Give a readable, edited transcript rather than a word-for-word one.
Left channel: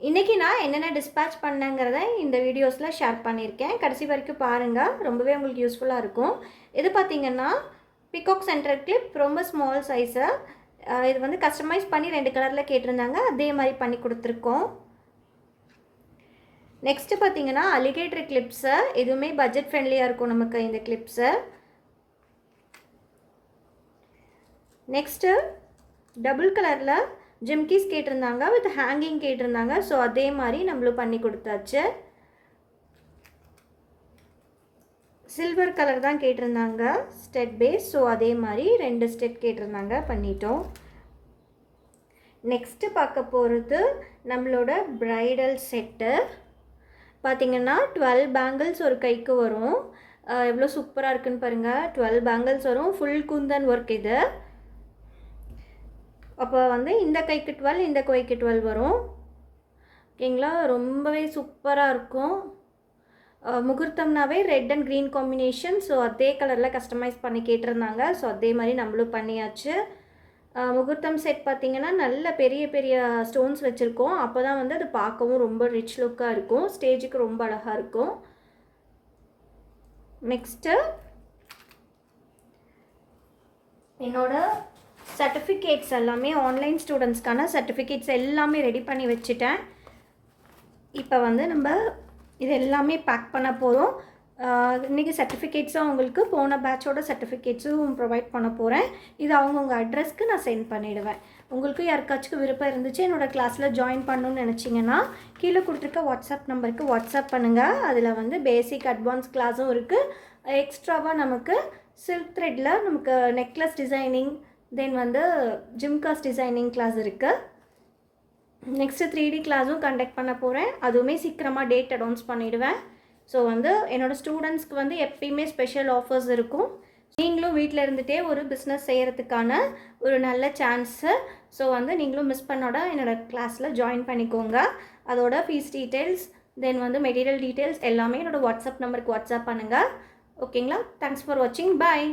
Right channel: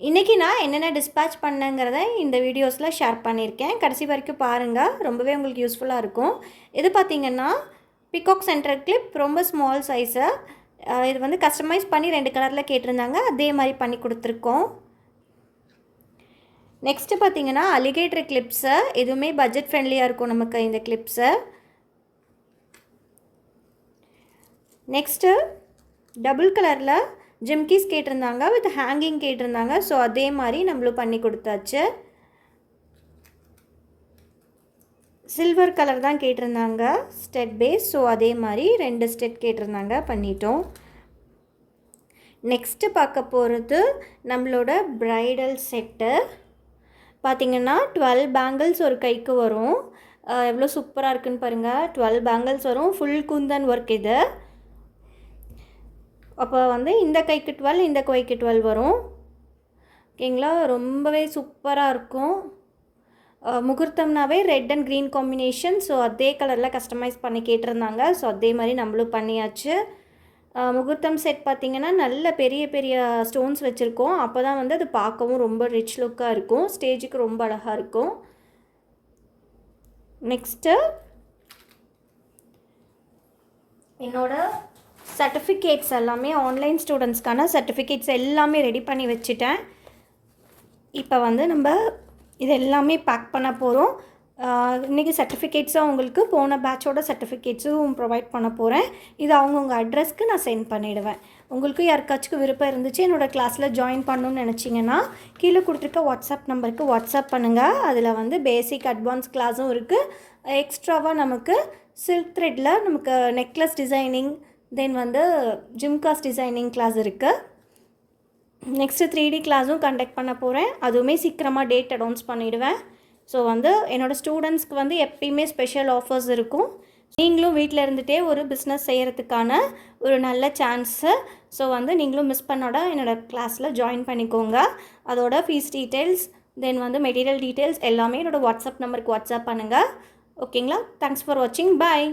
இன்றைக்கி நான் என்னென்ன டிஸ்பேட்ச் பண்ணேங்கிறத இந்த வீடியோஸில் ஷேர் பண்ணியிருக்கேன். கடைசி வரைக்கும் பாருங்கள், ரொம்பவே உங்களுக்கு யூஸ்ஃபுல்லாக இருக்கும். இது பார்த்திங்கன்னா பிகாக் சென்டர் கிளிப், ரொம்ப ஸ்மால் சைஸு. இது வந்து கஸ்டமைஸ் பண்ணி 2 கலரில் கேட்டிருந்தாங்க, அதே மாதிரி பண்ணி கொடுத்துருக்கோம். நெக்ஸ்ட்டு பார்த்திங்கன்னா அலிகேட்டர் கிளிப்ஸு, எதுவுமே பட்ஜெட் ஃப்ரெண்ட்லியாக இருக்கும் நமக்கு இந்த கிளிப்ஸு. நெக்ஸ்ட்டு டபுள் கலரில் ஜிம்கீஸ் கேட்டிருந்தாங்க, வித் ஹேங்கிங் கேட்டிருந்தாங்க. ஸோ அதே மாதிரி நம்மளும் பண்ணி கொடுத்தாச்சு. சில்வர் கலர் தான் கேட்டிருந்தாங்க ஸ்டெட் பேஸ். ஸோ அதே மாதிரி 2 ஸ்டெட் கேட்டிருந்தாங்க, பண்ணிட்டோம். நெக்ஸ்ட்டு பார்க்க போகிறது நம்மளோட ப்ரைடல் செட்டு. பார்த்திங்கன்னா 12 பேங்கிள்ஸ் ஒரு கைக்கு வரும். எவ்வளோ சூப்பராக இருக்குன்னு பாருங்கள். 12 பேங்கிள்ஸ் வரும், ஃபுல் குந்தன் ஒர்க் இது. அப்போ வந்து இந்த கைக்கு 12, இந்த கைக்கு 12 வரும். ஓகேங்களா, ரொம்பவே சூப்பராக இருக்கும். முகூர்த்தம்னாவே red and green combination. So அதே கலரில் கஸ்டமைஸ் பண்ணி கேட்டிருந்தாங்க. ஸோ அதே மாதிரி நம்மளும் பண்ணியாச்சு. முகூர்த்தம் செட் பார்த்திங்கன்னா நல்ல பெரிய பெரிய ஸ்டோன்ஸ் வச்சுருக்கோம். அப்போ தான் வந்து அது பார்க்கவும் ரொம்ப ரிச் லுக்காக இருக்கும், ஸ்டேஜுக்கு ரொம்ப அழகாக இருக்கும். நெக்ஸ்ட்டு என்னோடய சர்டிஃபிகேட்ஸ் எல்லாமே, ஆன்லைன் ஸ்டூடெண்ட்ஸ்க்கான சர்டிஃபிகேட்ஸ் எல்லாமே ரெடி பண்ணி வச்சுட்டேன். இப்போ வந்து நம்ம இது எல்லாமே பேக் பண்ண போகிறோம். இன்றைக்கி சர்டிஃபிகேட்ஸும் உங்களுக்கு போன பேட்சோட சர்டிஃபிகேட்ஸும் ப்ரொவைட் பண்ண போகிறேன். இது அவங்கவுங்க அட்ரஸ்க்கு நான் சென்ட் பண்ணிவிடுவேன். உங்களுக்கு யாருக்காச்சும் விருப்பம் இருந்துச்சு என்னோடய கிளாஸில் ஜாயின் பண்ணணுன்னு நினச்சிங்கன்னா கீழே கொடுத்துருக்க வாட்ஸ்அப் நம்பருக்கு வாட்ஸ்அப் பண்ணுங்கள். அதில் வந்து பேசிக் அட்வான்ஸ் கிளாஸும் இருக்குது. எக்ஸ்ட்ராவாக நமக்கு சில்க் த்ரெட்டில் நமக்கு நெக்லஸ் டிசைனிங், தென் வந்து ஜிம்காஸ் டிசைனிங் கிளாஸ் இருக்குது. நெக்ஸ்ட்டு 3D கிளாஸும் கண்டக்ட் பண்ண போகிறேன். அதுவுமே சீக்கிரமாக டேட் அனௌன்ஸ் பண்ணிவிடுவேன். ஸோ வந்து என்னோடய ஸ்டூடெண்ட்ஸ்க்கு வந்து எப்பயுமே ஸ்பெஷல் ஆஃபர்ஸ் இருக்கும். நீங்களும் வீட்டில் இருந்துகிட்டே ஒரு பிஸ்னஸ் செய்கிறதுக்கான ஒரு நல்ல சான்ஸு. ஸோ வந்து நீங்களும் மிஸ் பண்ணோட என்னோடய கிளாஸில் ஜாயின் பண்ணிக்கோங்க. அதோட ஃபீஸ் டீட்டெயில்ஸ், தென் வந்து மெட்டீரியல் டீட்டெயில்ஸ் எல்லாமே என்னோடய வாட்ஸ்அப் நம்பருக்கு வாட்ஸ்அப் பண்ணுங்கள். ஓகேங்களா, தேங்க்ஸ் ஃபார் வாட்சிங், பாய்.